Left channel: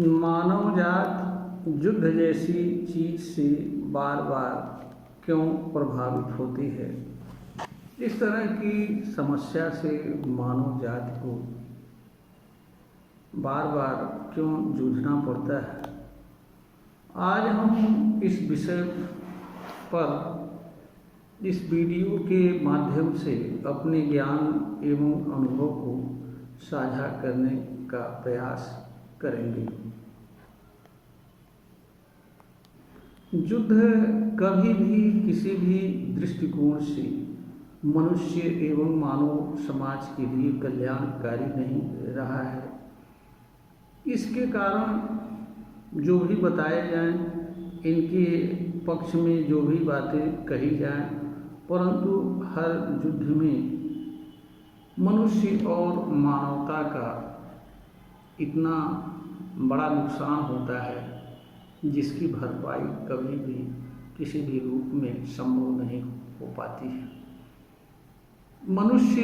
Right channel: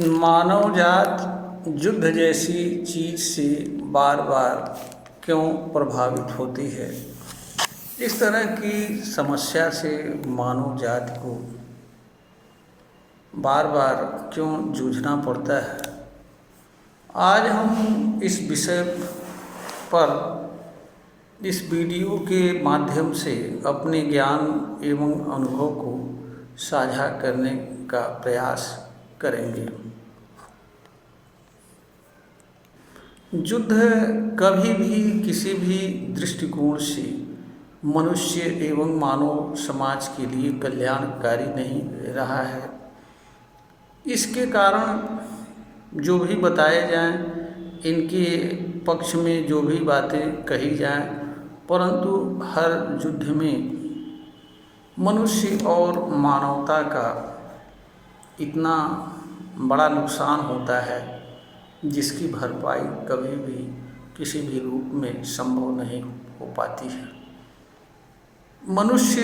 मानव जात युद्ध जैसी चीज से बार बार क्यों प्रभावित होती है। इस तरह की समस्या से मानव जात को बार बार क्यों जूझना पड़ता है। आज हम इस विषय पर इस वीडियो के माध्यम से अपने ज्ञान एवं अनुभव को साझा करने का प्रयास करेंगे। युद्ध कभी भी किसी भी दृष्टिकोण से मनुष्य एवं मानव समाज के लिए कल्याणकारी नहीं रहा है। इसके कारण जो भी बताए जाएं, इनके पक्ष में जो भी बातें कही जाएं, परंतु हर युद्ध में मनुष्य और मानवता का इतना बड़ा नुकसान होता है जिसकी भरपाई कभी भी किसी भी रूप में संभव नहीं हो पाती है। मनुष्य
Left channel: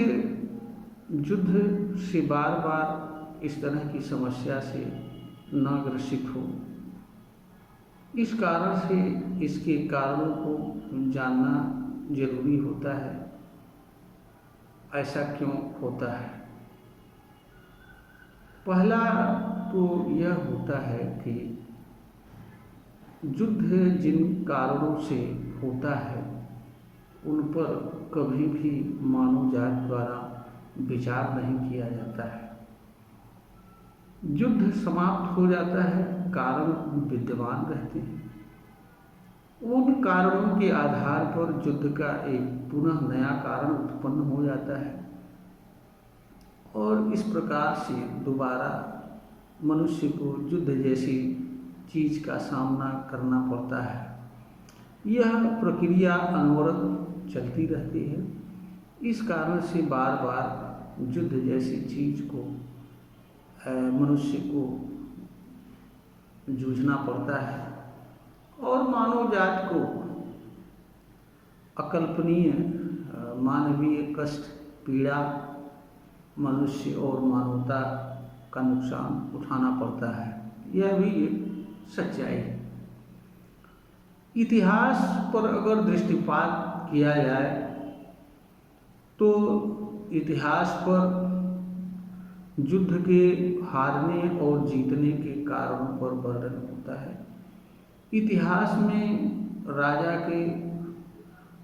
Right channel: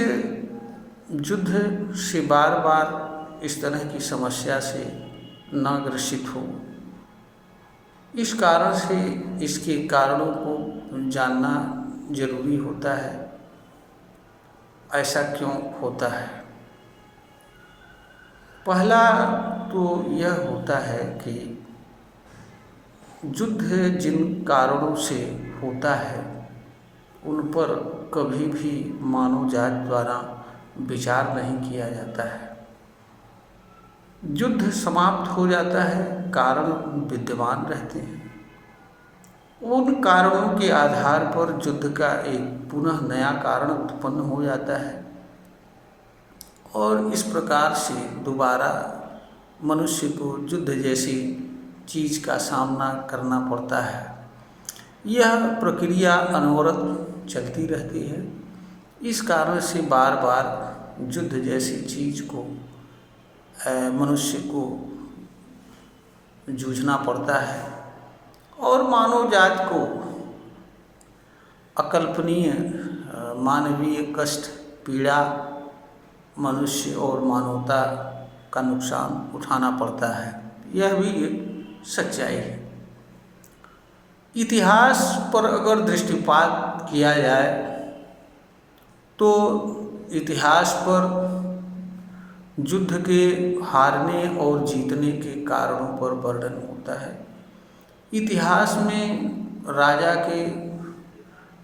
युद्ध से बार बार इस तरह की समस्या से न ग्रसित हो, इस कारण से इसके कारणों को जानना जरूरी होता है। ऐसा क्यों होता है? पहला तो यह होता है कि युद्ध जिन कारणों से होता है उन पर कभी भी मानव जात द्वारा विचार नहीं किया जाता है। युद्ध समाप्त हो जाता है, कारण विद्यमान रहते हैं। उन कारणों के आधार पर युद्ध का एक पुनः नया कारण उत्पन्न हो जाता है और इस प्रकार से दोबारा मनुष्य को युद्ध जैसी चीज का सामना करना पड़ता है। यह प्रक्रिया अनवरत चलती रहती है। इस कारण से बार बार युद्ध जैसी चीज को मनुष्य को जूझना पड़ता है और मानव जात को अकल्पनीय मानवीय कष्ट, पीड़ा, मनुष्य और मानवता का नुकसान उठाना पड़ता है। यह भी एक सच्चाई है। इतिहास पर अगर दृष्टिपात किया जाए तो इतिहास पर युद्ध के हारने और जीतने के कारणों पर वर्णन होता है। इतिहास में राजा के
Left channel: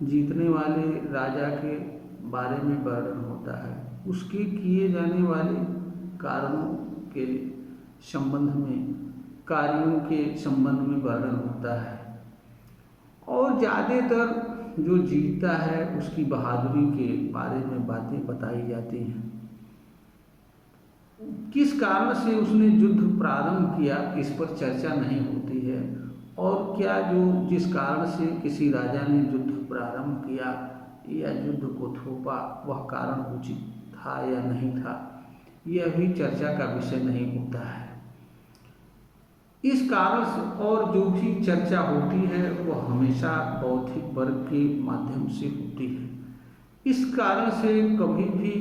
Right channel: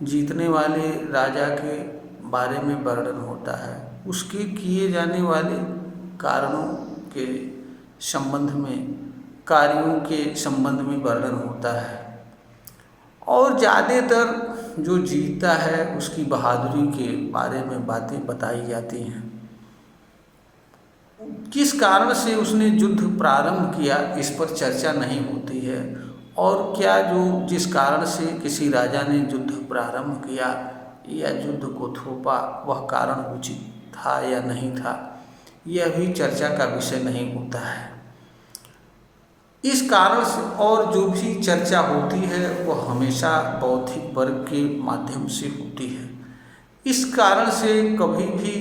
जीतने वाले राजा के बारे में वर्णन होता है, उसके किए जाने वाले कारणों के संबंध में, कार्यों के संबंध में वर्णन होता है और ज़्यादातर जो जीतता है उसकी बहादुरी के बारे में बातें बताई जाती हैं। किस कारण से उसने युद्ध प्रारंभ किया इस पर चर्चा नहीं होती है और क्या जिस कारण से किसी राजा ने युद्ध प्रारंभ किया या युद्ध को थोपा वह कारण उचित था या नहीं था, यह भी चर्चा का विषय नहीं होता है। इस कारण से और जो भी चर्चा होती है वह हमेशा बौद्धिक वर्ग के माध्यम से होती है। इस कारण से कभी भी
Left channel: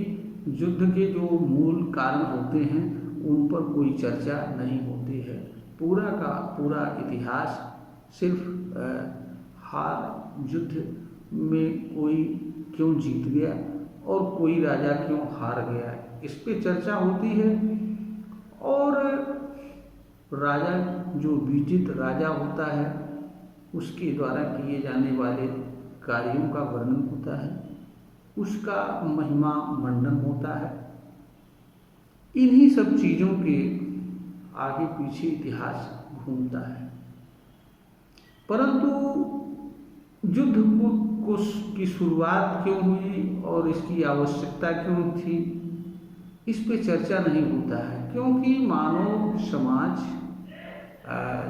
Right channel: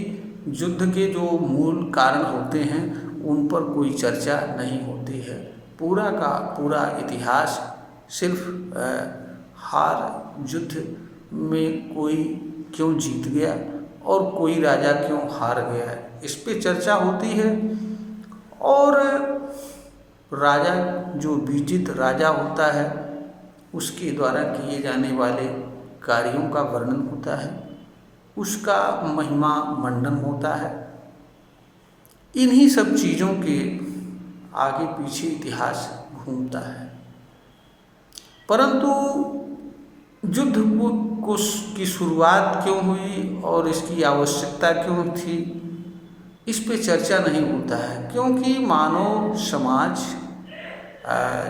युद्ध के जो मूल कारण होते हैं उन पर कोई चर्चा नहीं होती है। पूरा का पूरा इतिहास सिर्फ हार युद्ध में कोई क्यों जीत गया और कोई राजा क्यों हार गया है, इस पे चर्चा होती है। और राजा जो विजित राजा होता है उसके द्वारा किए जाने वाले कार्यों का वर्णन होता है, उसका महिमा मंडन होता है। इन्हीं सब चीज़ों के आगे पीछे इतिहास घूमता है। परंतु युद्ध की शुरुआत क्यों हुई और इसकी आवश्यकता क्यों थी, इस पे चर्चा नहीं होता है, क्योंकि मानव समाज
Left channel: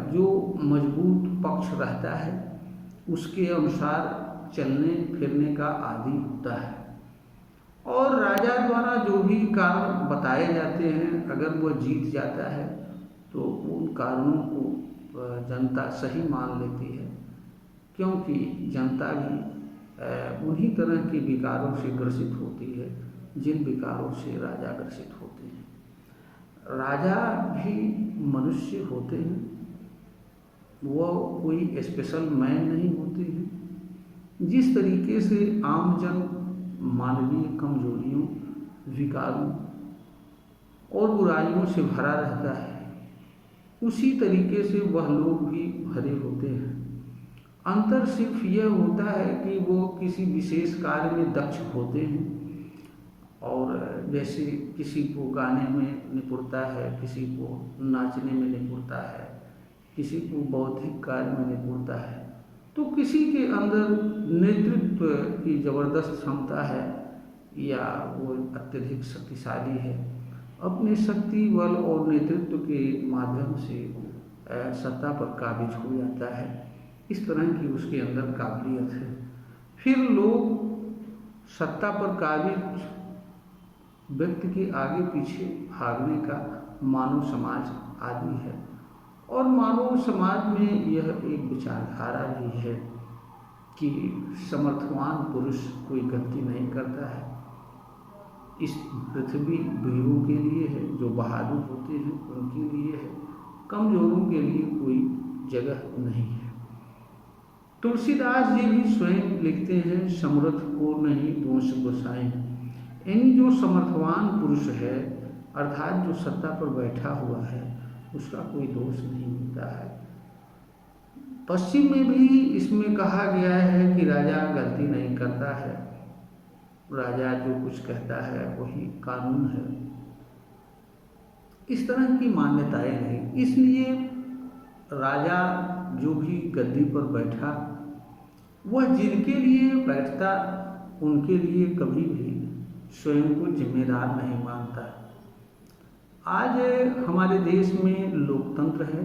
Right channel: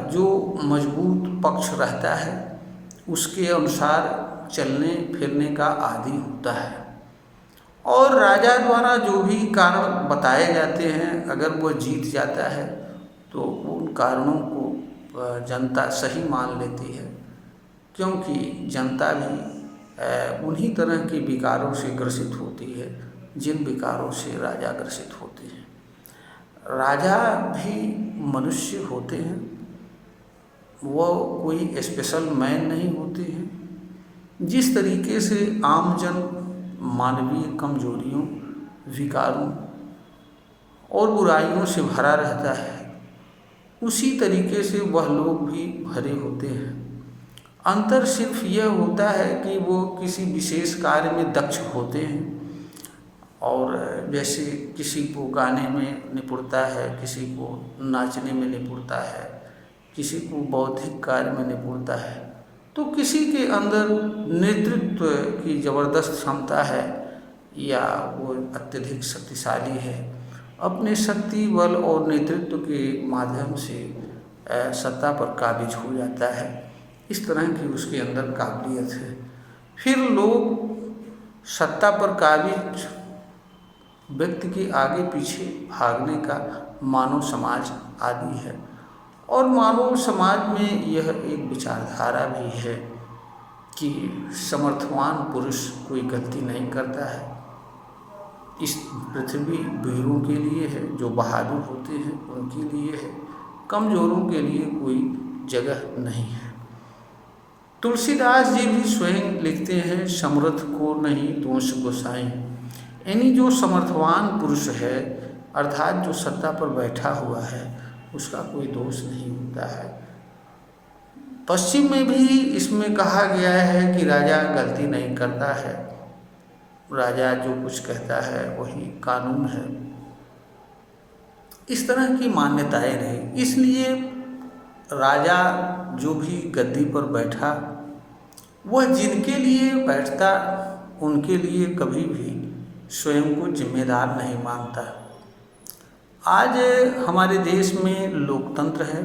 जो मजबूत पक्ष रहता है उसके अनुसार चलने फिरने का आदी होता है और राजा द्वारा जो भी कारण बताए जाते हैं अगर वह जीत जाता है तो उन कारणों को जनता सही मान लेती है, क्योंकि जनता भी उन्हीं तरह के विकारों से ग्रसित होती है जिन विकारों से राजा ग्रसित होते हैं। राजा भी मनुष्य होते हैं, वो कोई स्पेशल मैन नहीं होते हैं। जिस तरीके से आमजन मानवीय कमजोरियों, विकारों और बुराइयों से भरा रहता है, उसी तरीके से वह लोग भी भरे होते हैं। अंतर सिर्फ यह होता है कि वो किसी विशेष कार्य में दक्ष होते हैं, और जैसे किसी को गाने में निपुणता है, किसी को नाचने में निपुणता है, किसी को बौद्धिक कार्य में निपुणता है, तो किसी के अंदर नेतृत्व की ज़बरदस्त क्षमता है या वो अत्यधिक शक्तिशाली है, अपने शक्ति बल और नेतृत्व के माध्यम से सत्ता पर काबिज हो जाता है। इस तरह की उसके अंदर काबिलियत है। फिर लोग सत्ता पर काबिज व्यक्ति के आगे पीछे भागने का मानव समाज आदि है, और मानव समाज में यह एक विचारधारा भी है कि समर्थवान पुरुष कोई गलती नहीं करता है। इस पृथ्वी वीरों के लिए है, जो बहादुर होते हैं उनके लिए है, कमजोरों के लिए कोई जगह नहीं है। तुलसीदास जी भी स्वयं लिखते हैं, समर्थ को नहीं दोष गोसाई। यानी जो समर्थवान पुरुष है, अर्थात जो सत्ता पर बैठा हुआ है, उसका कोई दोष नहीं होता है। पश्चिम में भी इसमें कहा गया है कि राजा गलती नहीं करता है, राजा जो कुछ कहता है वही कानून है। इस तरह की मान्यताएं रही, इसलिए राजा जो भी गद्दी पर बैठा, वह जिनके लिए बैठता उनके लिए कभी भी स्वयं को जिम्मेदार नहीं मानता। आज हमारे देश में लोकतंत्र है,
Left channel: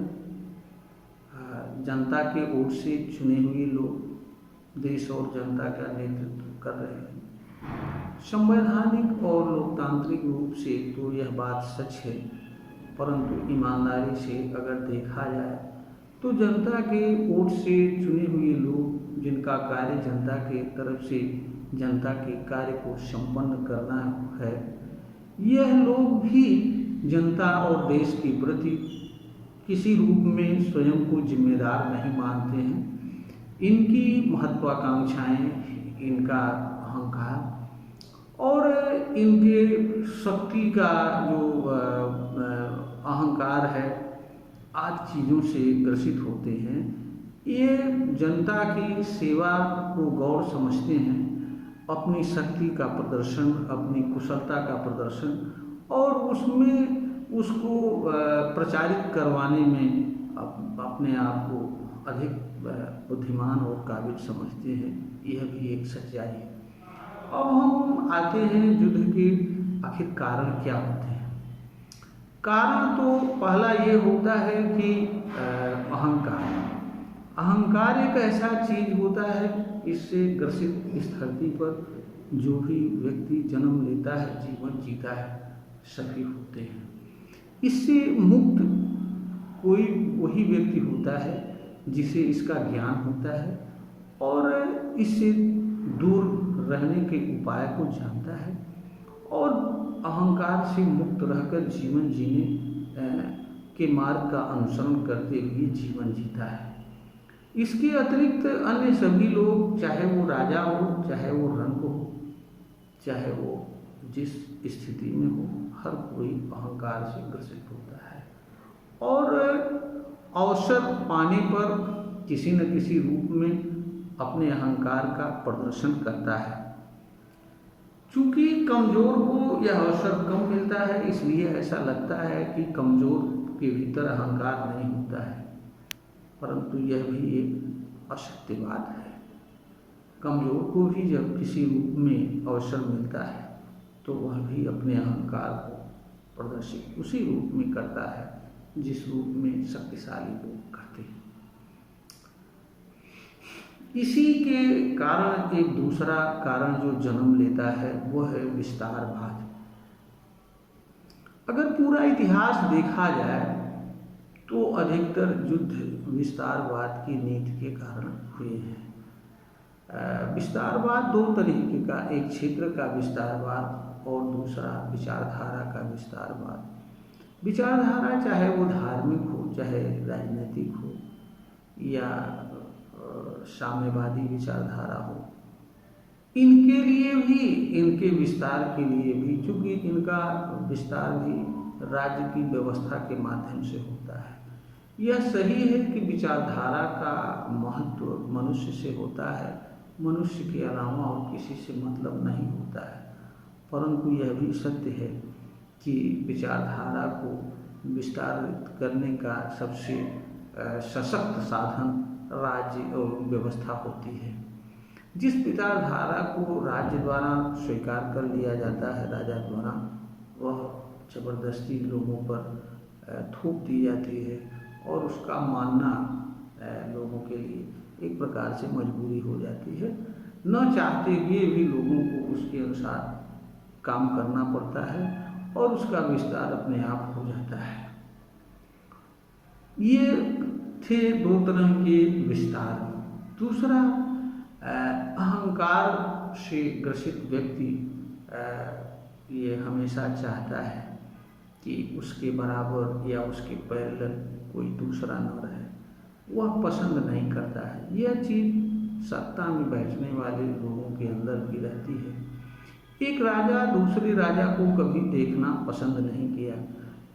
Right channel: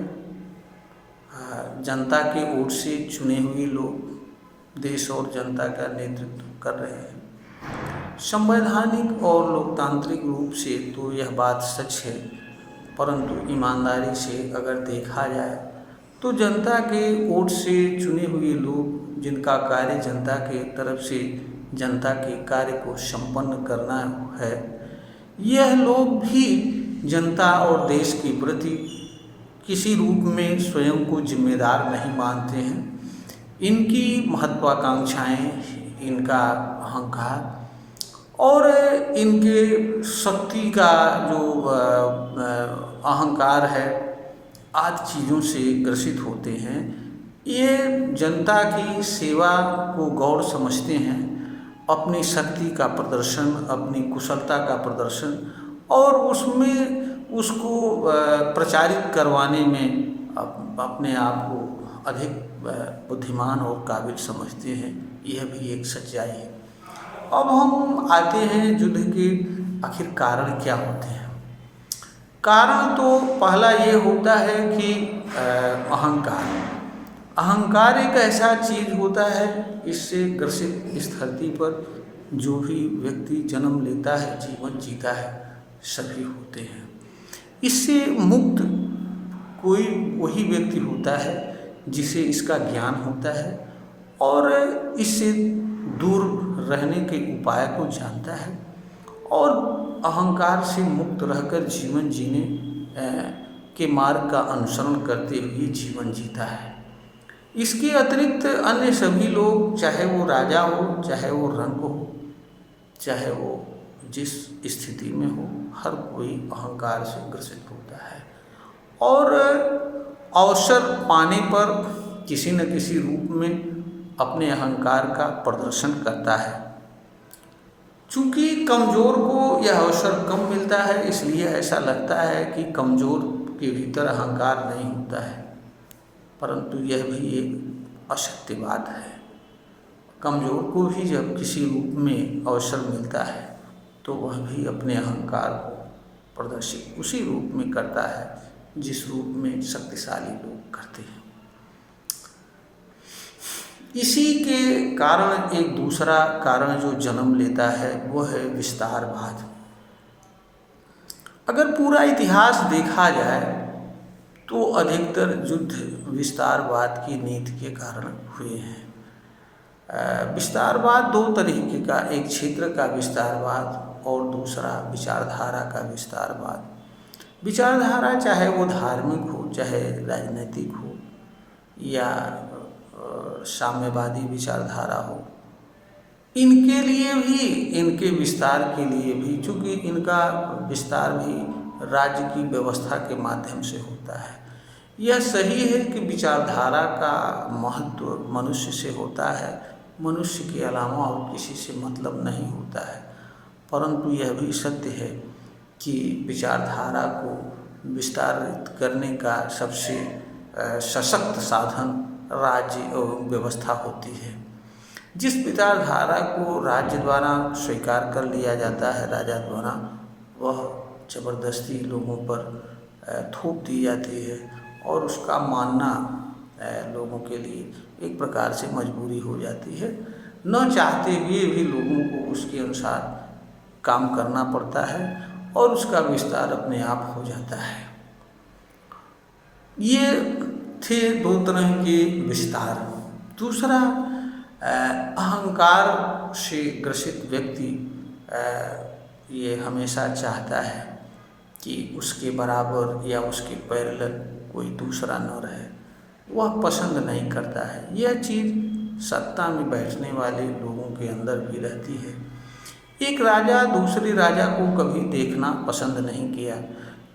जनता के वोट से चुने हुए लोग देश और जनता का नेतृत्व कर रहे हैं। संवैधानिक और लोकतांत्रिक रूप से तो यह बात सच है, परंतु ईमानदारी से अगर देखा जाए तो जनता के वोट से चुने हुए लोग, जिनका कार्य जनता के तरफ से जनता के कार्य को संपन्न करना है, यह लोग भी जनता और देश के प्रति किसी रूप में स्वयं को जिम्मेदार नहीं मानते हैं। इनकी महत्वाकांक्षाएं, इनका अहंकार और इनके शक्ति का जो अहंकार है, आदि चीज़ों से ग्रसित होते हैं। ये जनता की सेवा को गौर समझते हैं, अपनी शक्ति का प्रदर्शन, अपनी कुशलता का प्रदर्शन और उसमें उसको प्रचारित करवाने में अपने आप को अधिक बुद्धिमान और काबिल समझते हैं। यह भी एक सच्चाई है। अब हम आते हैं युद्ध के आखिर कारण क्या होते हैं। कारण तो पहला ये होता है कि अहंकार एक ऐसा चीज़ होता है, इससे ग्रसित इस धरती पर जो भी व्यक्ति जन्म लेता है, जीवन जीता है, सभी होते हैं। इससे मुक्त कोई वही व्यक्ति होता है जिसे इसका ज्ञान होता है और इससे दूर रहने के उपाय को जानता है और अहंकार से मुक्त रहकर जीवन जीने के मार्ग का अनुसरण करते हुए जीवन जीता है। इसके अतिरिक्त अन्य सभी लोग, चाहे वो राजा हो, चाहे वो रंग हो, चाहे वो जिस स्थिति में हो, हर कोई अहंकार से ग्रसित होता है और अवसर पाने पर किसी न किसी रूप में अपने अहंकार का प्रदर्शन करता है। चूँकि कमज़ोर को यह अवसर कम मिलता है, इसलिए ऐसा लगता है कि कमज़ोर के भीतर अहंकार नहीं होता है, परंतु यह भी एक असत्य बात है। कमज़ोर को भी जब किसी रूप में अवसर मिलता है तो वह भी अपने अहंकार को प्रदर्शित उसी रूप में करता है जिस रूप में शक्तिशाली लोग करते हैं। इसी के कारण एक दूसरा कारण जो जन्म लेता है वो है विस्तारवाद। अगर पूरा इतिहास देखा जाए तो अधिकतर युद्ध विस्तारवाद की नीति के कारण हुए हैं। विस्तारवाद दो तरीके का, एक क्षेत्र का विस्तारवाद और दूसरा विचारधारा का विस्तारवाद। विचारधारा चाहे वो धार्मिक हो, चाहे राजनीतिक हो, या साम्यवादी विचारधारा हो, इनके लिए भी, इनके विस्तार के लिए भी, चूँकि इनका विस्तार भी राज्य की व्यवस्था के माध्यम से होता है। यह सही है कि विचारधारा का महत्व मनुष्य से होता है, मनुष्य के अलावा और किसी से मतलब नहीं होता है। परंतु यह भी सत्य है कि विचारधारा को विस्तारित करने का सबसे सशक्त साधन राज्य व्यवस्था होती है। जिस विचारधारा को राज्य द्वारा स्वीकार कर लिया जाता है, राजा द्वारा, वह जबरदस्ती लोगों पर थोप दी जाती है और उसका मानना लोगों के लिए एक प्रकार से मजबूरी हो जाती है। न चाहते हुए भी लोगों को उसके अनुसार काम करना पड़ता है और उसका विस्तार अपने आप हो जाता है। ये थे दो तरह के विस्तार। दूसरा, अहंकार से ग्रसित व्यक्ति ये हमेशा चाहता है कि उसके बराबर या उसके पैरेलल कोई दूसरा न रहे, वह पसंद नहीं करता है। यह चीज़ सत्ता में बैठने वाले लोगों के अंदर भी रहती है। एक राजा दूसरे राजा को कभी देखना पसंद नहीं किया।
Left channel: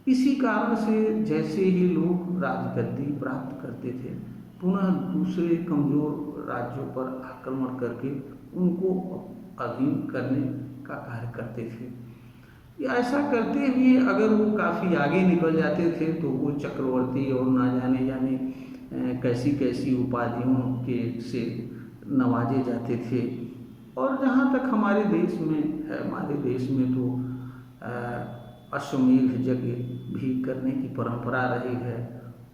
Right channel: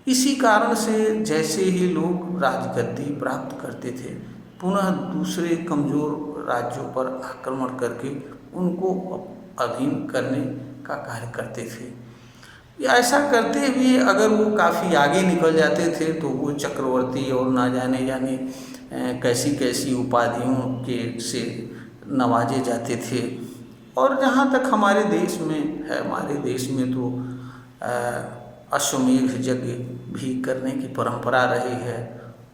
इसी कारण से जैसे ही लोग राजगद्दी प्राप्त करते थे, पुनः दूसरे कमज़ोर राज्यों पर आक्रमण करके उनको अधीन करने का कार्य करते थे। ऐसा करते हुए अगर वो काफ़ी आगे निकल जाते थे तो वो चक्रवर्ती और ना जाने कैसी कैसी उपाधियों के से नवाजे जाते थे। और जहाँ तक हमारे देश में है, हमारे देश में तो अश्वमेध यज्ञ भी करने की परंपरा रही है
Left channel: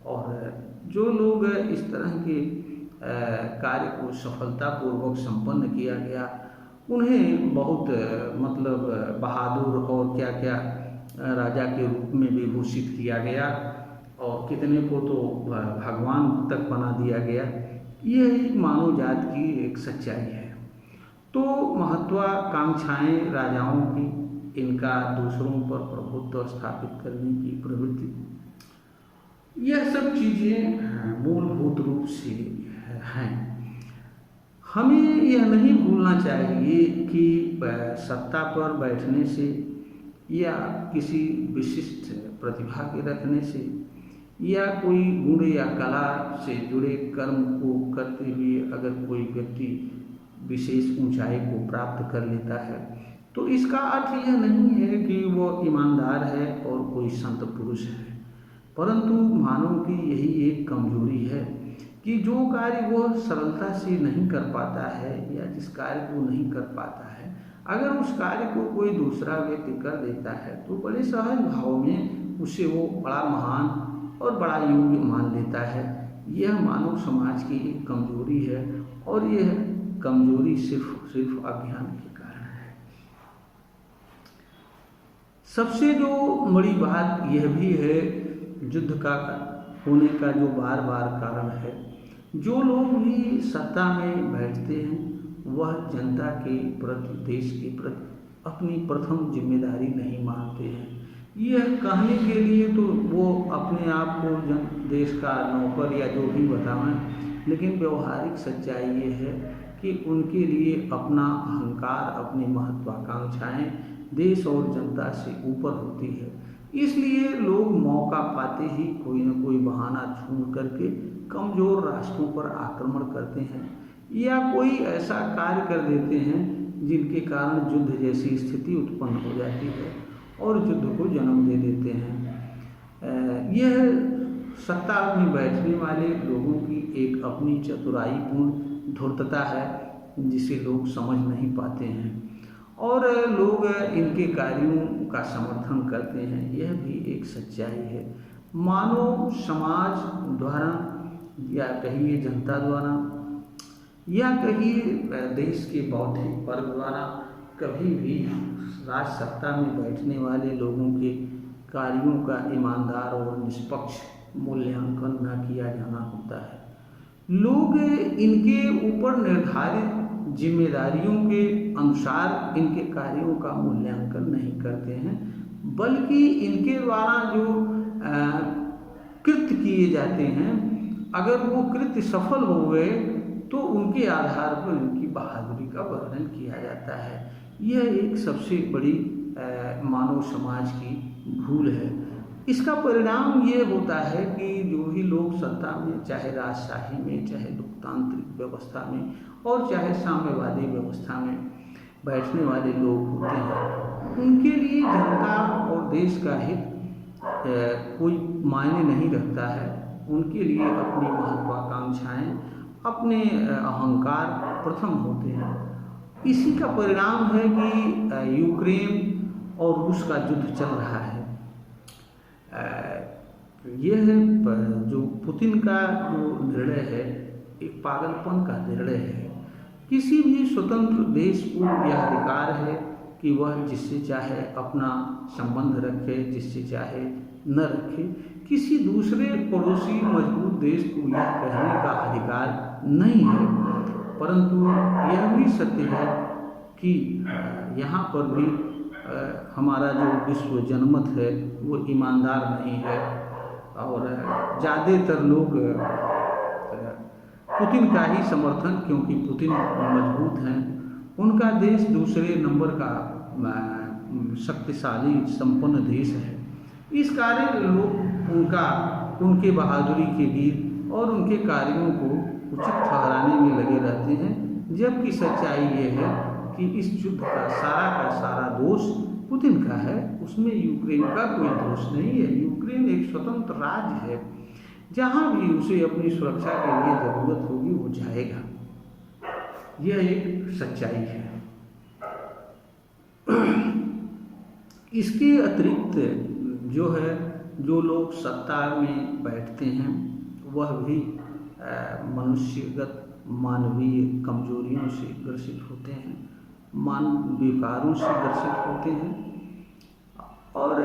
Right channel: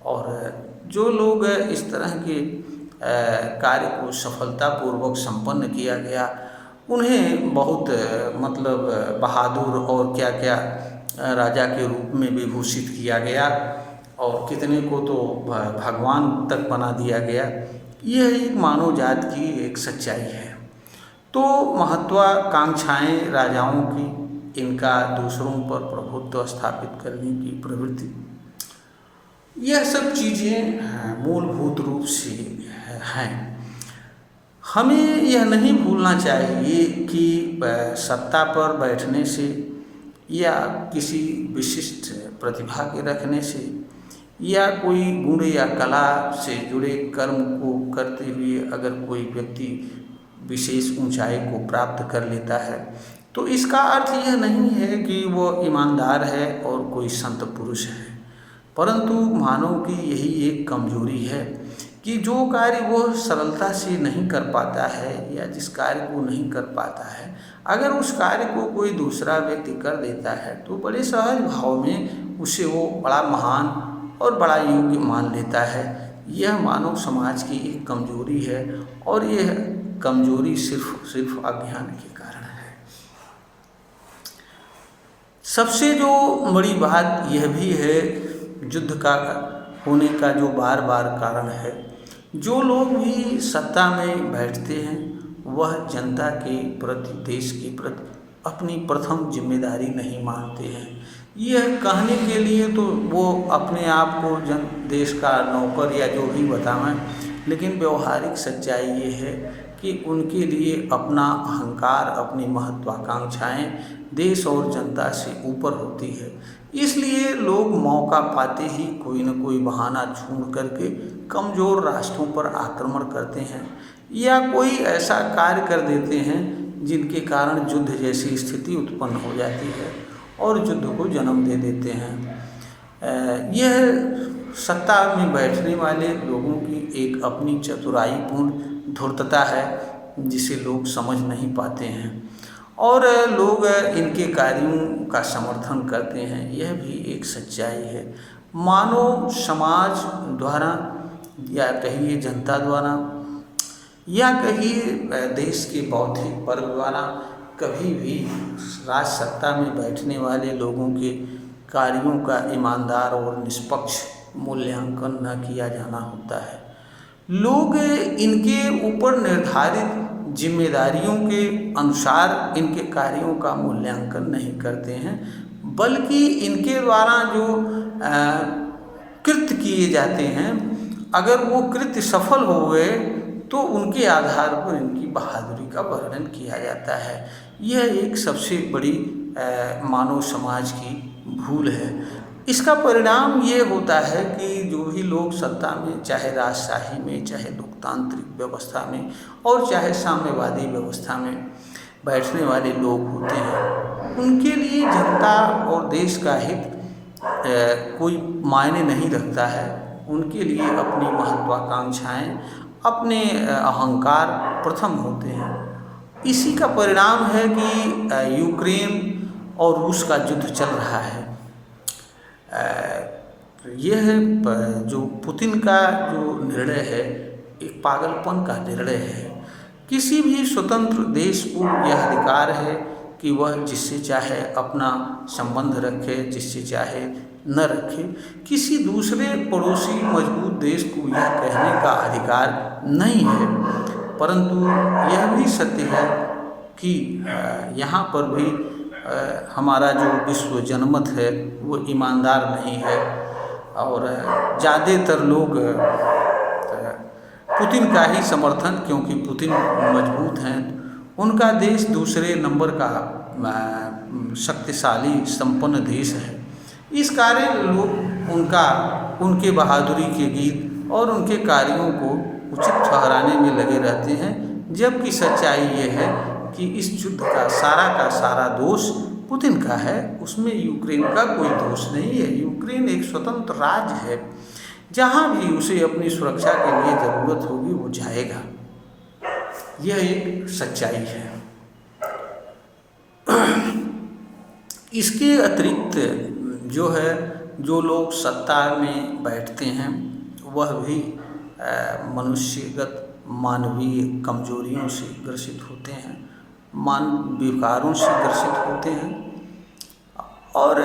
और जो लोग इस तरह के कार्य को सफलतापूर्वक संपन्न किया गया, उन्हें बहुत मतलब बहादुर और क्या क्या राजा के रूप में विभूषित किया गया और कितने को तो भगवान तक बना दिया गया। यह एक मानव जात की एक सच्चाई है। तो महत्वाकांक्षाएं राजाओं की, इनका दूसरों पर प्रभुत्व स्थापित करने की प्रवृत्ति, यह सब चीज़ें मूलभूत रूप से हैं। हमें यह नहीं भूलना चाहिए कि सत्ता पर बैठने से या किसी विशिष्ट प्रतिभा के रखने से या कोई गुण या कला से जुड़े कर्म को करते हुए अगर कोई व्यक्ति विशेष ऊंचाई को प्राप्त कर लेता है तो इसका अर्थ यह नहीं है कि वो ईमानदार है और कोई संत पुरुष है। परंतु मानव की यही एक कमजोरी है कि जो कार्य वह सरलता से नहीं कर पाता है या जिस कार्य को नहीं कर पाता है, अगर उस कार्य को कोई दूसरा व्यक्ति कर देता है तो बड़े सहज भाव में उसे वो बड़ा महान और बड़ा योग्य मान लेता है। यह मानव समाज की एक कमजोरी है और यह कमजोरी सिर्फ अज्ञान के कारण है। सबसे जो बड़ी बात यह भी है, युद्ध का होने का जो बार बार कारण है, जो लोग भी सत्ता में बैठते हैं वह जनता के प्रति, देश के प्रति अपनी प्रथम जिम्मेदारी नहीं मानते हैं। यह कहने के लिए तो वो अपने आप को देश का नौकर या जो भी बतावें, लेकिन व्यवहारिक सच्चाई ये है कि उनके लिए अपना अहंकार, अपनी महत्वाकांक्षाएं देश और जनता से ऊपर होती है। इसलिए लोग मौका पाते ही कोई न कोई बहाना ढूंढ करके कमज़ोर राष्ट्रों पर आक्रमण करते हैं या कोई ऐसा कार्य कर देते हैं जिनके कारण युद्ध जैसी स्थिति उत्पन्न हो जाती है और युद्ध को जन्म दे देते हैं। यह सत्ता में बैठने वाले लोगों की एक अपनी चतुराईपूर्ण धूर्तता है जिसे लोग समझ नहीं पाते हैं और लोग इनके कार्यों का समर्थन करते हैं। यह भी एक सच्चाई है। मानव समाज द्वारा या कहिए जनता द्वारा या कहिए देश के बौद्धिक वर्ग द्वारा कभी भी राज सत्ता में बैठने वाले लोगों के कार्यों का ईमानदार और निष्पक्ष मूल्यांकन न किया जाना होता है। लोग इनके ऊपर निर्धारित जिम्मेदारियों के अनुसार इनके कार्यों का मूल्यांकन नहीं करते हैं, बल्कि इनके द्वारा जो कृत्य किए जाते हैं, अगर वो कृत्य सफल हो गए तो उनके आधार पर इनकी बहादुरी का वर्णन किया जाता है। यह एक सबसे बड़ी मानव समाज की भूल है। इसका परिणाम ये होता है कि जो भी लोग सत्ता में, चाहे राजशाही में, चाहे लोकतांत्रिक व्यवस्था में और चाहे साम्यवादी व्यवस्था में बैठने वाले लोग होते हैं, उनके लिए जनता और देश का हित कोई मायने नहीं रखता है। उनके लिए अपनी महत्वाकांक्षाएं, अपने अहंकार प्रथम होते हैं। इसी का परिणाम है कि यूक्रेन और रूस का युद्ध चल रहा है। यह जो पुतिन का जो निर्णय है, एक पागलपन का निर्णय है। किसी भी स्वतंत्र देश को यह अधिकार है कि वह जिससे चाहे अपना संबंध रखे, जिससे चाहे न रखे। किसी दूसरे पड़ोसी मजबूत देश को यह कहने का अधिकार नहीं है। परंतु यह भी सत्य है कि यहाँ पर भी हमारा जो विश्व जनमत है वो ईमानदार नहीं है, और ज़्यादातर लोग पुतिन का ही समर्थन, क्योंकि पुतिन मजबूत हैं, उनका देश दूसरे नंबर का शक्तिशाली संपन्न देश है। इस कारण लोग उनके बहादुरी के गीत और उनके कार्यों को उचित ठहराने में लगे रहते हैं, जबकि सच्चाई ये है कि इस युद्ध का सारा दोष पुतिन का है। उसमें यूक्रेन का कोई दोष नहीं है। यूक्रेन एक स्वतंत्र राज्य है, जहाँ भी उसे अपनी सुरक्षा के लिए ज़रूरत होगी वो जाएगा। यह एक सच्चाई है। इसके अतिरिक्त जो लोग सत्ता में बैठते हैं वह भी मानवीय कमजोरियों से ग्रसित होते हैं, विकारों से ग्रसित होते हैं, और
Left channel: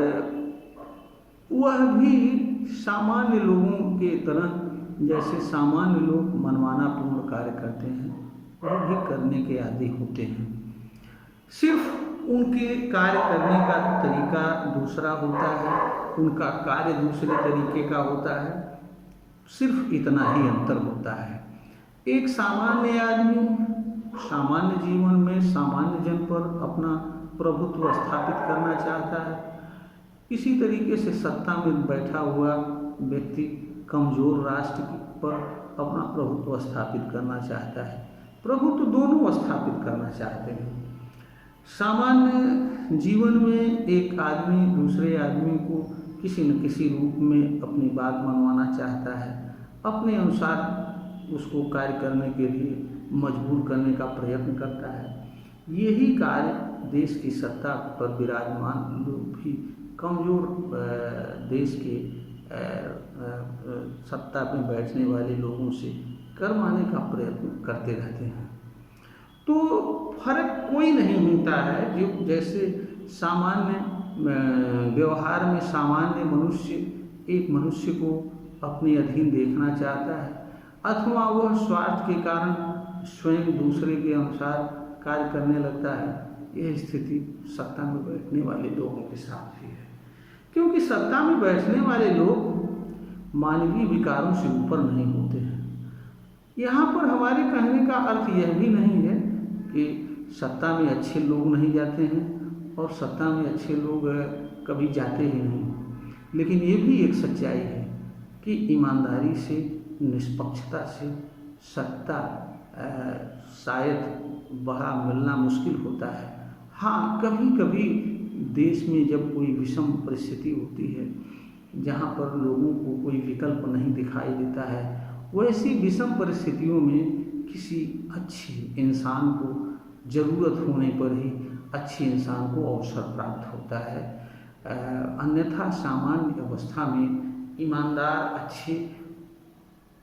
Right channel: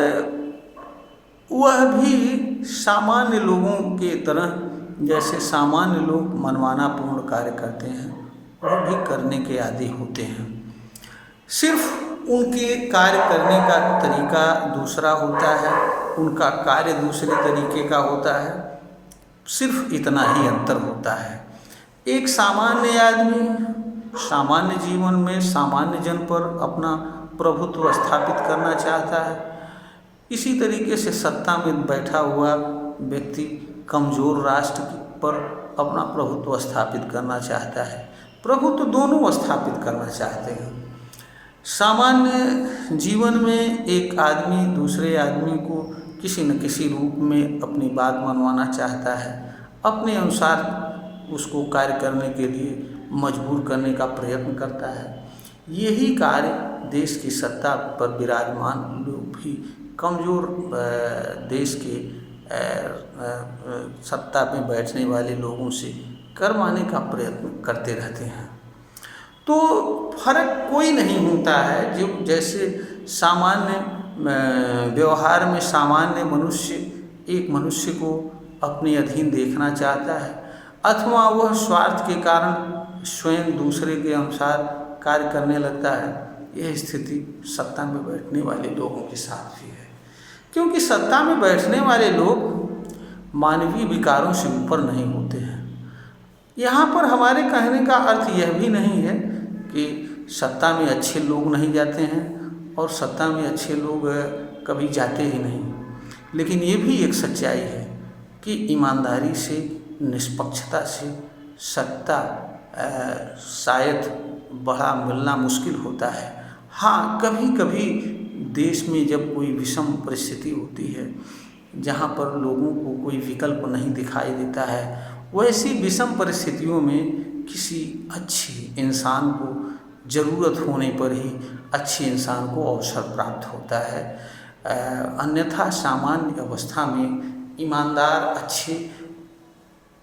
वह भी सामान्य लोगों के तरह, जैसे सामान्य लोग मनमानापूर्ण कार्य करते हैं, वह भी करने के आदी होते हैं। सिर्फ उनके कार्य करने का तरीका दूसरा होता है, उनका कार्य दूसरे तरीके का होता है, सिर्फ इतना ही अंतर होता है। एक सामान्य आदमी सामान्य जीवन में सामान्य जन पर अपना प्रभुत्व स्थापित करना चाहता है। इसी तरीके से सत्ता में बैठा हुआ व्यक्ति कमज़ोर राष्ट्र पर अपना प्रभुत्व स्थापित करना चाहता है। प्रभुत्व दोनों स्थापित करना चाहते हैं। सामान्य जीवन में एक आदमी दूसरे आदमी को किसी न किसी रूप में अपनी बात मनवाना चाहता है, अपने अनुसार उसको कार्य करने के लिए मजबूर करने का प्रयत्न करता है। यही कार्य देश की सत्ता पर विराजमान लोग भी कमज़ोर देश के सत्ता में बैठने वाले लोगों से करवाने का प्रयत्न करते रहते हैं। तो फर्क कोई नहीं होता है। जो जैसे सामान्य व्यवहार में सामान्य मनुष्य एक मनुष्य को अपने अधीन देखना चाहता है, अथवा वह स्वार्थ के कारण स्वयं दूसरे के अनुसार कार्य करने लगता है, यह स्थिति सत्ता में बैठने वाले लोगों के साथ भी है। क्योंकि सत्ता में बैठने वाले लोग मानवीय विकारों से ऊपर नहीं होते हैं। यहाँ पर हमारे कहने का अर्थ यह भी नहीं है कि सत्ता में अच्छे लोग नहीं जाते हैं और सत्ता में अच्छे लोग कभी जाते ही नहीं, लेकिन ये भी एक सच्चाई है कि ईमानदारी से, निष्पक्षता से सत्ता शायद बड़ा मिलना मुश्किल होता है। हाँ, कभी कभी देश में जब कोई विषम परिस्थिति होती है, जहाँ पर लोगों को कोई विकल्प नहीं दिखाई देता है, वैसी विषम परिस्थितियों में किसी अच्छे इंसान को ज़रूरत होने पर ही अच्छे इंसान को अवसर प्राप्त होता है। अन्यथा सामान्य अवस्था में ईमानदार अच्छे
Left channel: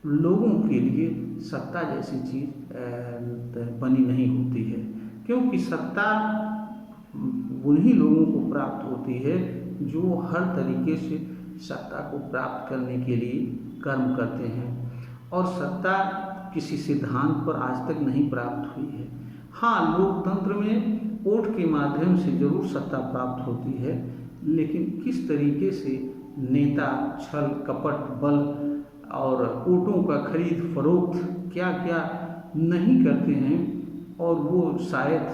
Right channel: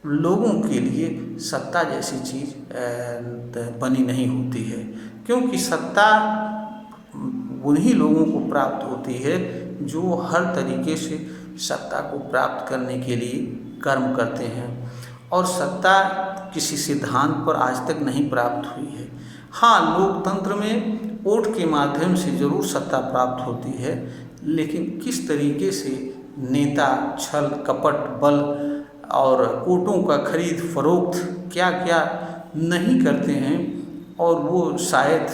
लोगों के लिए सत्ता जैसी चीज़ बनी नहीं होती है। क्योंकि सत्ता उन्हीं लोगों को प्राप्त होती है जो हर तरीके से सत्ता को प्राप्त करने के लिए कर्म करते हैं, और सत्ता किसी सिद्धांत पर आज तक नहीं प्राप्त हुई है। हाँ, लोकतंत्र में वोट के माध्यम से जरूर सत्ता प्राप्त होती है, लेकिन किस तरीके से नेता छल कपट बल और वोटों का खरीद फरोख्त क्या क्या नहीं करते हैं, और वो शायद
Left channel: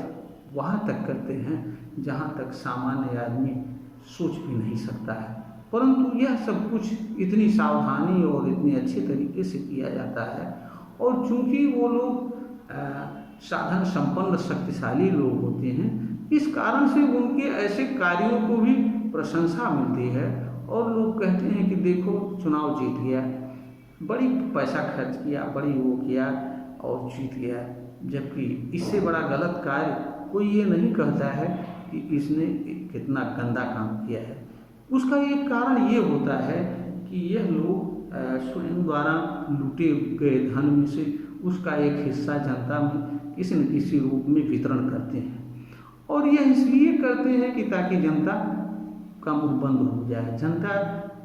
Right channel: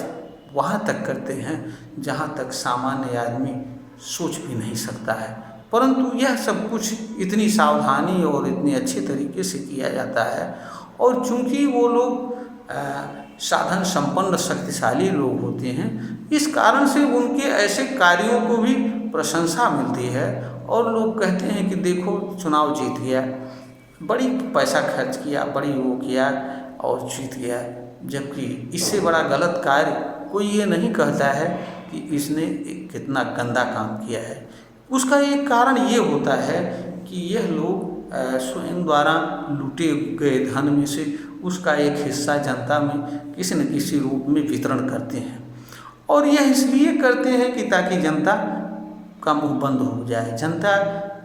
वहाँ तक करते हैं जहाँ तक सामान्य आदमी सोच भी नहीं सकता है। परंतु यह सब कुछ इतनी सावधानी और इतने अच्छे तरीके से किया जाता है, और चूंकि वो लोग साधन संपन्न शक्तिशाली लोग होते हैं, इस कारण से उनके ऐसे कार्यों को भी प्रशंसा मिलती है, और लोग कहते हैं कि देखो चुनाव जीत गया, बड़ी पैसा खर्च किया, बड़ी वो किया और जीत गया। जबकि इससे बड़ा गलत कार्य कोई ये नहीं कहता है कि इसने कितना गंदा काम किया है। उसका एक कारण ये होता है कि यह लोग स्वयं द्वारा लूटे गए धन में से उसका एक हिस्सा जनता में किसी न किसी रूप में वितरण करते हैं, और यह इसलिए करते हैं कि ताकि जनता का मुंह बंद हो जाए, जनता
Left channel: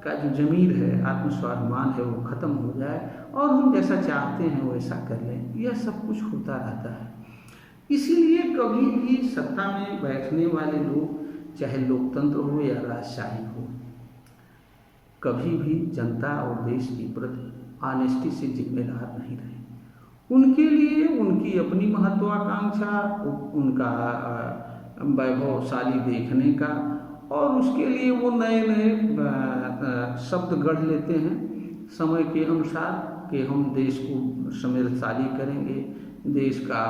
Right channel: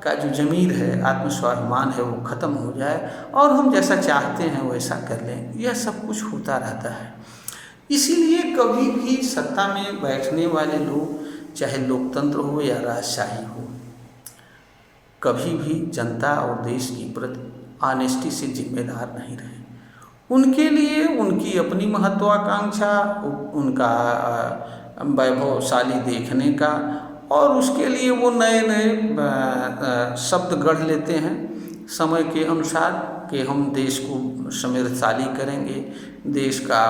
का जो ज़मीर है, आत्मस्वाभिमान है, वो ख़त्म हो जाए और हम जैसा चाहते हैं वैसा कर लें। यह सब कुछ होता रहता है। इसीलिए कभी भी सत्ता में बैठने वाले लोग, चाहे लोकतंत्र हो या राजशाही हो, कभी भी जनता और देश की प्रति ऑनेस्टी से जिम्मेदार नहीं रहे। उनके लिए उनकी अपनी महत्वाकांक्षा, उनका वैभवशाली देखने का, और उसके लिए वो नए नए शब्द गढ़ लेते हैं समय के अनुसार कि हम देश को समृद्धशाली करेंगे, देश का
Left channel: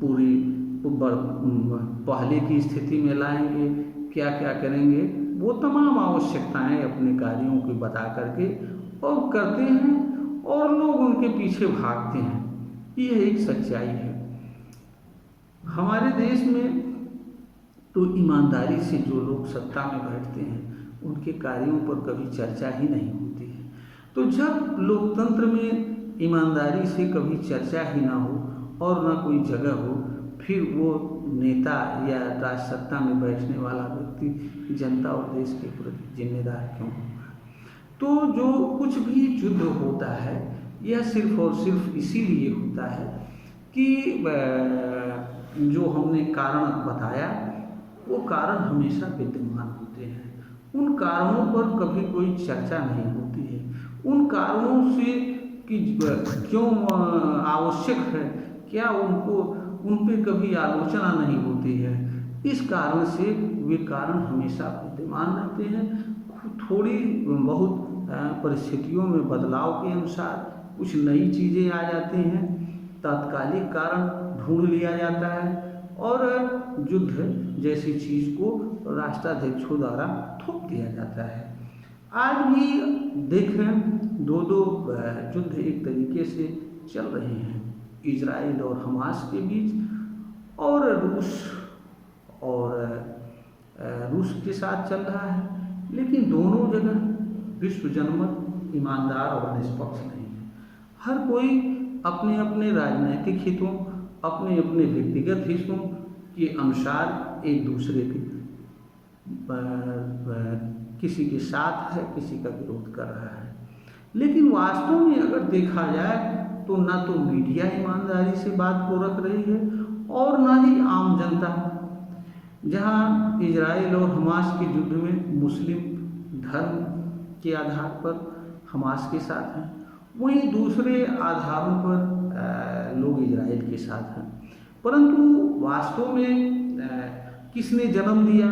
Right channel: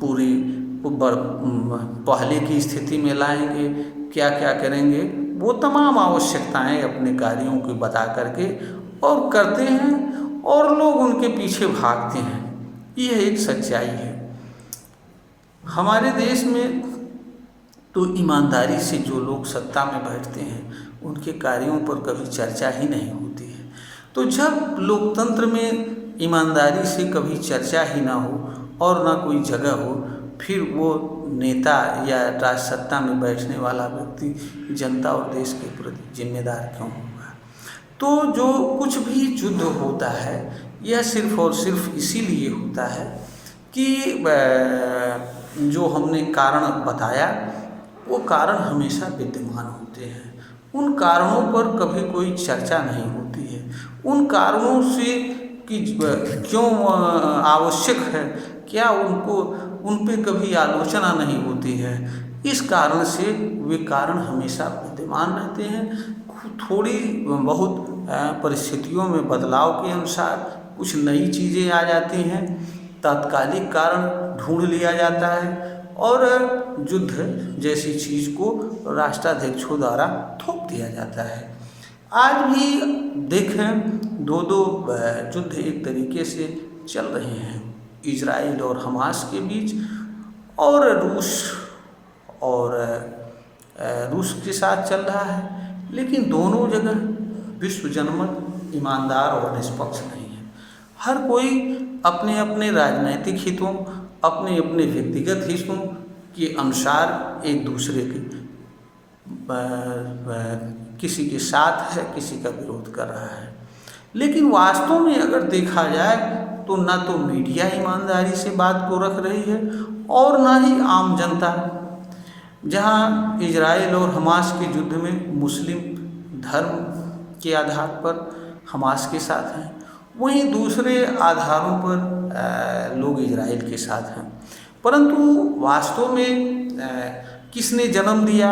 पूरी पहले की स्थिति में लाएंगे, क्या क्या करेंगे, वो तमाम आवश्यकताएं अपने कार्यों को बता करके और करते हैं, और लोग उनके पीछे भागते हैं। यह एक सच्चाई है। हमारे देश में तो ईमानदारी से जो लोग सत्ता में बैठते हैं उनके कार्यों पर कभी चर्चा ही नहीं होती है। तो जब लोकतंत्र में ईमानदारी से कभी चर्चा ही ना हो और ना कोई जगह हो, फिर वो नेता या राज सत्ता में बैठने वाला व्यक्ति जनता और देश के प्रति जिम्मेदार क्यों होगा। तो जो कुछ भी युद्ध होता है यह सिर्फ और सिर्फ इसीलिए होता है कि जो हमने कारण बताया वो कारण हमेशा विद्यमान होते हैं। उन कारणों पर कभी कोई चर्चा नहीं होती है। उन कारणों से कि क्यों आवश्यक है, क्या उन पे कभी आलोचना नहीं होती है। इस कारण से वे कारण हमेशा विद्यमान रहते हैं। थोड़ी बहुत परिस्थितियों में बदलाव के अनुसार कुछ नई चीज़ें आ जाती हैं, तात्कालिक कारण ढूंढ लिया जाता है, और युद्ध जैसी चीज़ को राष्ट्राध्यक्षों द्वारा थोप दिया जाता है। आज भी देखें दो युद्ध एक तरीके से चल रहे हैं, इजराइल और हमास के बीच, और रूस के साथ चल रहा है। लेकिन दोनों जगह विश्व जनमत ईमानदार और निष्पक्ष नहीं है। हर कोई अपने अपने राजनैतिक हितों, अपने अपने व्यक्तिगत हितों के अनुसार एक दूसरे के किसी के साथ है, किसी का विरोध कर रहा है। लेकिन वास्तव में अगर देखा जाए तो ना तो मीडिया ईमानदारी से बात को रख रही है और ना ही आम जनता। जहां इजराइल और हमास के युद्ध में मुस्लिम धर्म के आधार पर हमास के साथ हैं, वहीं दूसरे आधारों पर लोग इजराइल के साथ हैं। परंतु वास्तव में किसने जन्म दिया,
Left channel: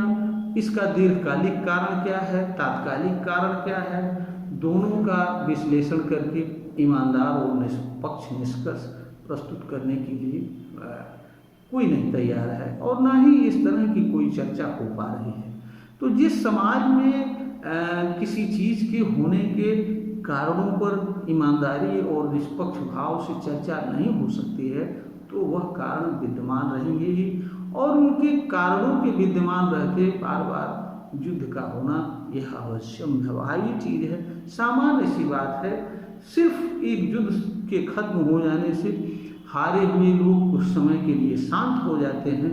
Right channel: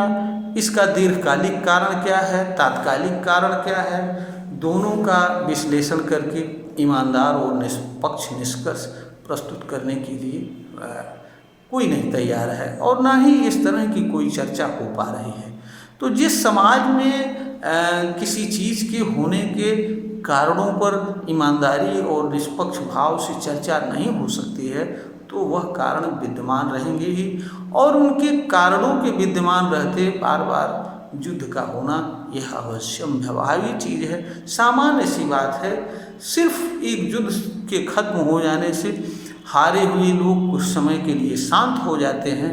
इसका दीर्घकालिक कारण क्या है, तात्कालिक कारण क्या है, दोनों का विश्लेषण करके ईमानदार और निष्पक्ष निष्कर्ष प्रस्तुत करने के लिए कोई नहीं तैयार है, और ना ही इस तरह की कोई चर्चा हो पा रही है। तो जिस समाज में किसी चीज़ के होने के कारणों पर ईमानदारी और निष्पक्ष भाव से चर्चा नहीं हो सकती है, तो वह कारण विद्यमान रहेंगे ही, और उनके कारणों के विद्यमान रहते बार बार युद्ध का होना यह अवश्यम स्वाभाविक चीज़ है, सामान्य सी बात है। सिर्फ एक युद्ध के खत्म हो जाने से हारे हुए लोग कुछ समय के लिए शांत हो जाते हैं,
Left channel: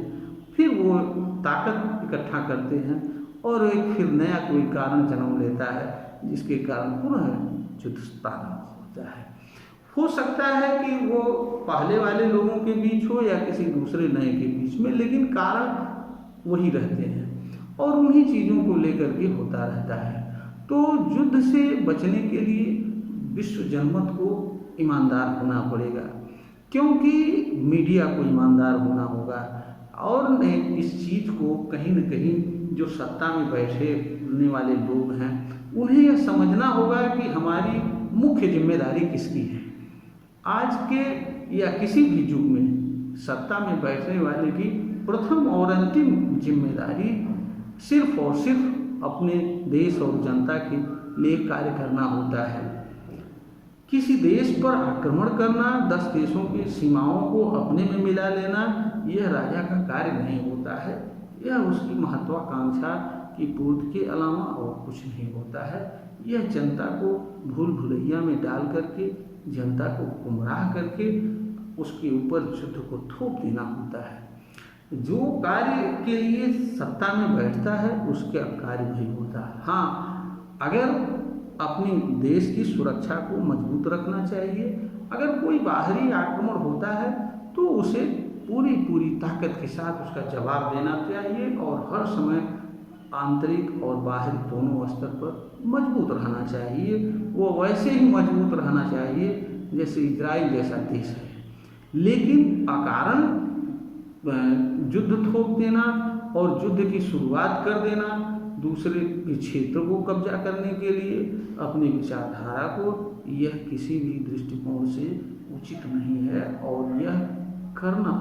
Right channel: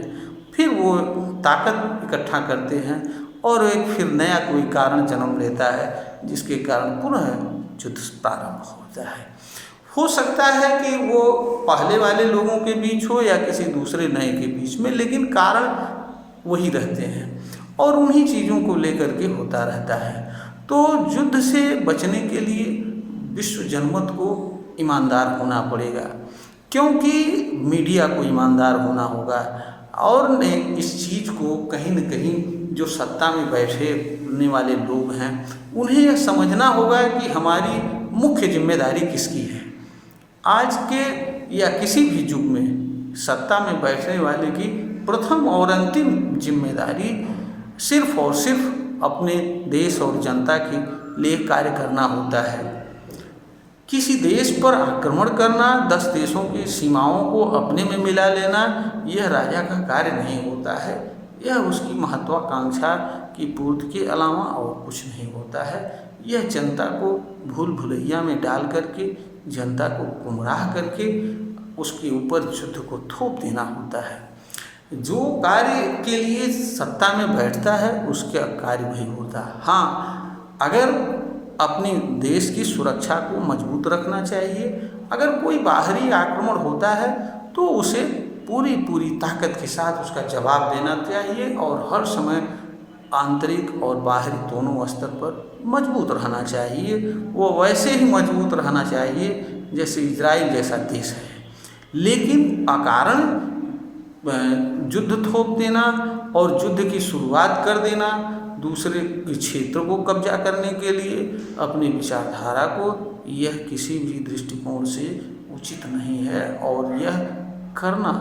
फिर वो ताकत इकट्ठा करते हैं और एक फिर नया कोई कारण जन्म लेता है, जिसके कारण पुनः युद्ध प्रारंभ होता है। हो सकता है कि वो पहले वाले लोगों के बीच हो या किसी दूसरे नए के बीच में, लेकिन कारण वही रहते हैं। और उन्हीं चीज़ों को लेकर के होता रहता है। तो युद्ध से बचने के लिए विश्व जनमत को ईमानदार होना पड़ेगा, क्योंकि मीडिया को ईमानदार होना होगा और ने इस चीज़ को कहीं न कहीं जो सत्ता में बैठने वाले लोग हैं उन्हें यह समझना होगा कि हमारी मुख्य जिम्मेदारी किसकी है। आज के या किसी भी युग में सत्ता में बैठने वाले की प्रथम और अंतिम जिम्मेदारी सिर्फ और सिर्फ अपने देश और जनता के लिए कार्य करना होता है। किसी देश पर आक्रमण करना, 10 देशों की सीमाओं को अपने में मिला लेना, यह राजा का कार्य नहीं होता है। यह उसकी महत्वाकांक्षा की पूर्ति के अलावा और कुछ नहीं होता है। यह जनता को भूल भुलैया में डाल करके, जनता को गुमराह करके उसके ऊपर युद्ध को थोप देना होता है। जो कार्य के लिए सत्ता में बैठता है उसका कार्य वही होता है। हाँ, अगर अपने देश की सुरक्षा को मजबूत रखना चाहिए, अगर कोई बाहरी आक्रमण होता है तो उसे पूरी ताकत के साथ उसका जवाब देना चाहिए और हर समय आंतरिक और बाहरी दोनों स्तर पर मजबूत रहना चाहिए। वो वैसे ही मजबूत रहना चाहिए जैसे इजराइल जैसा देश है। लेकिन अकारण युद्ध थोप देना और युद्ध की शुरुआत कर देना, दूसरे के क्षेत्र को कब्जा करने के लिए अपनी विचारधारा को, यह किसी भी दृष्टिकोण से उचित नहीं है और यह करना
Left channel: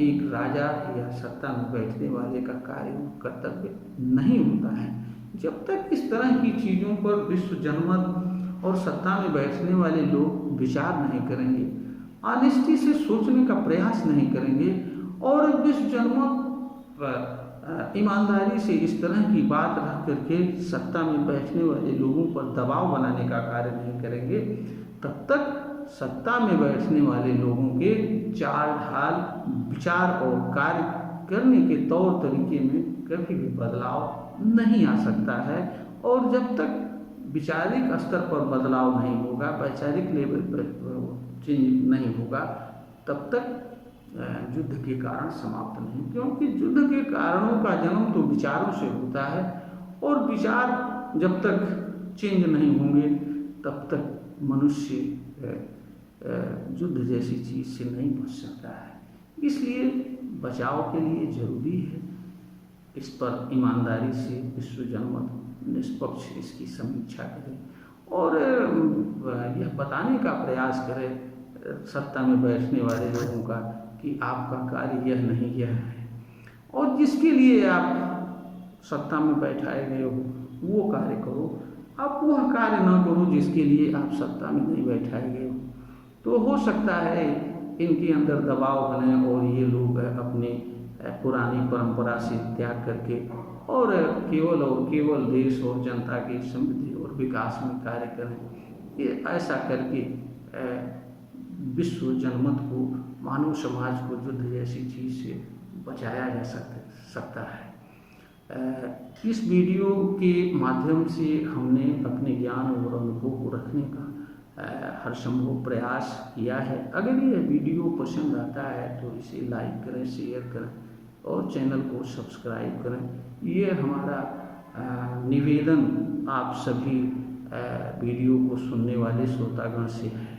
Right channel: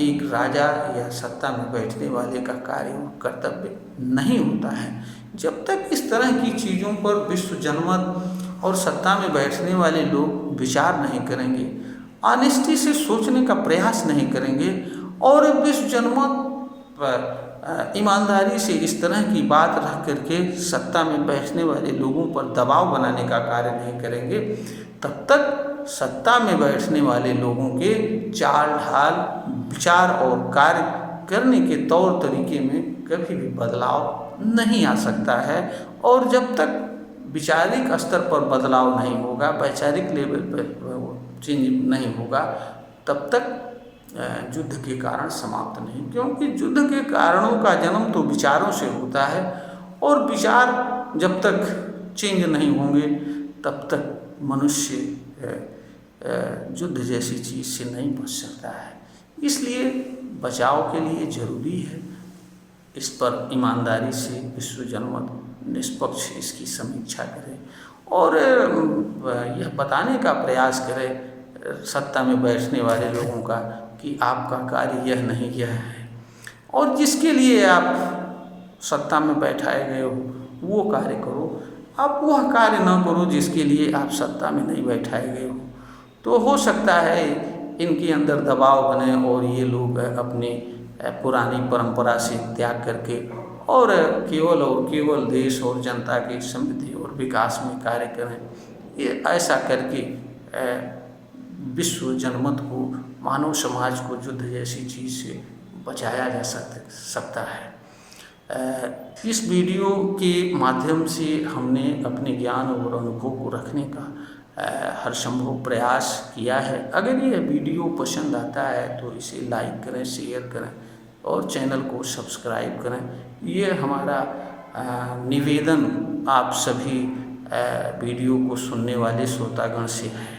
एक राजा या सत्ता में बैठने वाले का कार्य और कर्तव्य नहीं होता है। जब तक इस तरह की चीज़ों पर विश्व जनमत और सत्ता में बैठने वाले लोग विचार नहीं करेंगे, ऑनेस्टी से सोचने का प्रयास नहीं करेंगे और विश्व जनमत पर ईमानदारी से इस तरह की बात रख करके सत्ता में बैठने वाले लोगों पर दबाव बनाने का कार्य नहीं करेंगे, तब तक सत्ता में बैठने वाले लोगों के चाल ढाल, विचार और कार्य करने के तौर तरीके में कभी भी बदलाव नहीं आ सकता है। और जब तक विचारिक स्तर पर बदलाव नहीं होगा, वैचारिक लेवल पर चेंज नहीं होगा, तब तक युद्ध के कारण समाप्त नहीं। क्योंकि युद्ध के कारणों का जन्म तो विचारों से होता है और विचार जब तक चेंज नहीं होंगे तब तक मनुष्य युद्ध जैसी चीज़ से नहीं बच सकता है। इसलिए बचाव के लिए ज़रूरी है इस पर ईमानदारी से विश्व जनमत निष्पक्ष इसकी समीक्षा करे और यह बताने का प्रयास करे सत्ता में बैठने वाले लोगों का कि आपका कार्य यह नहीं यह है, और जिसके लिए आप सत्ता में बैठाए गए हो वो कार्य करो। आप वह कार्य न करो जिसके लिए आप सत्ता में नहीं बैठाए गए हो। तो हो सकता है इनके अंदर दबाव बने और ये लोग अपने पुरानी परंपरा से त्याग करके और केवल देश और जनता की समृद्धि और विकास में कार्य करें। ये ऐसा करके विश्व जनमत को, मानव समाज को युद्ध जैसी चीज़ से बचाया जा सकता है। इस वीडियो के माध्यम से हमने अपने ज्ञान और अनुभव को रखने का हर संभव प्रयास किया है। अगर ये वीडियो पसंद आता है तो इसे लाइक करें, शेयर करें और चैनल को सब्सक्राइब करें। ये हमारा निवेदन आप सभी वीडियो को सुनने वाले श्रोतागण से है।